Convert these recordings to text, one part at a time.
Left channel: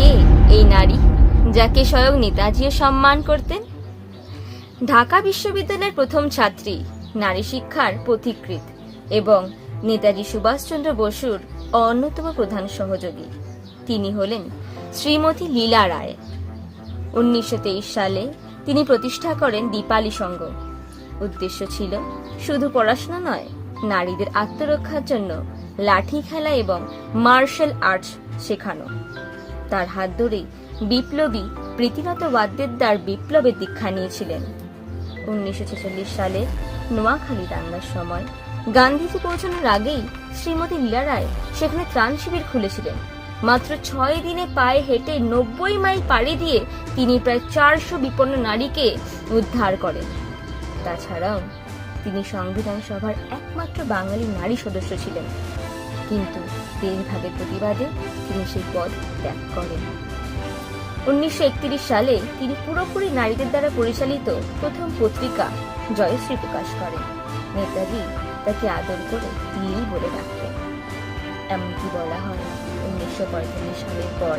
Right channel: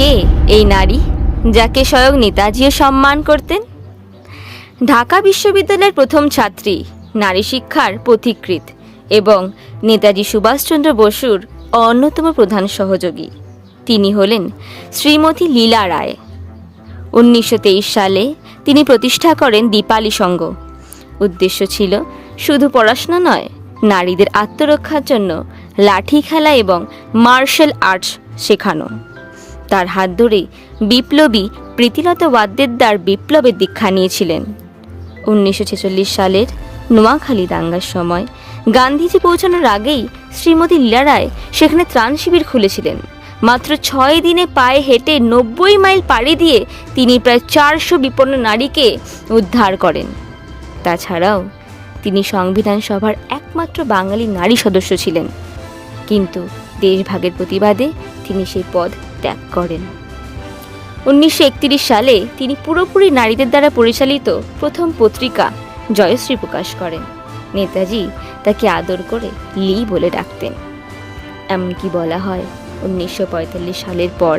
কে এই নারী যাকে স্বয়ং নেতাজিও সম্মান করতেন? ঢাকা বিশ্ববিদ্যালয়ের প্রথম ছাত্রী, নারী শিক্ষার পথিকৃৎ এবং নেতাজি সুভাষচন্দ্র বসুর অন্যতম প্রধান সহযোগী। তিনি হলেন শ্রীমতী লীলা রায়। 1923 সালে তিনি প্রতিষ্ঠা করেন দীপালি সংঘ। উদ্দেশ্য ছিল শুধু পড়াশোনা নয়, নারীদের আত্মরক্ষার জন্য লাঠি খেলা এবং মার্শাল আর্টস শেখানো। তার হাত ধরেই বিপ্লবী প্রীতিলতা ওয়াদ্দেদার বিপ্লবের দীক্ষা নিয়েছিলেন। 1946 সালের নোয়াখালী দাঙ্গার সময় গান্ধীজি পৌঁছানোর আগেই শ্রীমতী লীলা রায় সেখানে ত্রাণ শিবির খুলেছিলেন। মাত্র 6 দিনে পায়ে হেঁটে 90 মাইল পাড়ি দিয়ে তিনি প্রায় 400 বিপন্ন নারীকে উদ্ধার করেন। তাছাড়াও তিনি সংবিধান সভার একমাত্র বাঙালি নারী সদস্য ছিলেন, কিন্তু দেশভাগের প্রতিবাদে তিনি সেই পদ ত্যাগ করেন। 1931 সালে তিনি পুরোপুরি নারীদের দ্বারা পরিচালিত প্রথম পত্রিকা জয়শ্রী প্রকাশ করেন। নেতাজি তাকে আদর করে লি বলে ডাকতেন। এমনকি বলা হয় 1945 সালের পর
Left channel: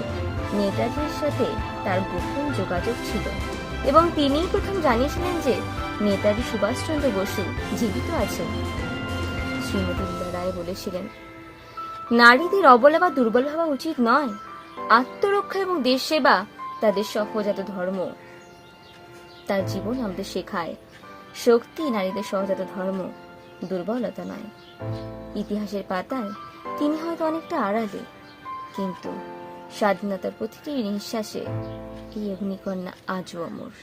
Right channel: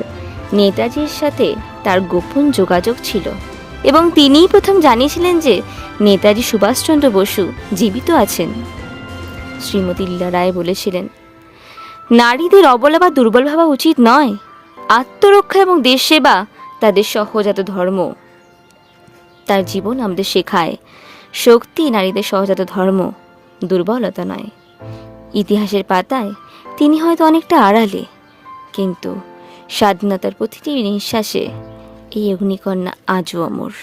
নেতাজির সাথে তার গোপন যোগাযোগ ছিল এবং তিনিই প্রথম জানিয়েছিলেন যে নেতাজি সুভাষচন্দ্র বসু জীবিত আছেন। শ্রীমতী লীলা রায় বলেছিলেন, নারীদের অবলা বা দুর্বল ভাবা উচিত নয়। আত্মরক্ষা এবং দেশ সেবা তাদের সহজাত ধর্ম। তার জীবন আমাদের শেখায় শক্তি নারীদের সহজাত ধর্ম, দুর্বলতা নয়। ইতিহাসের পাতায় তিনি হয়তো অনেকটা আড়ালে, কিন্তু স্বাধীনতার প্রতিটি নিঃশ্বাসে এই অগ্নিকন্যা আজও অমর।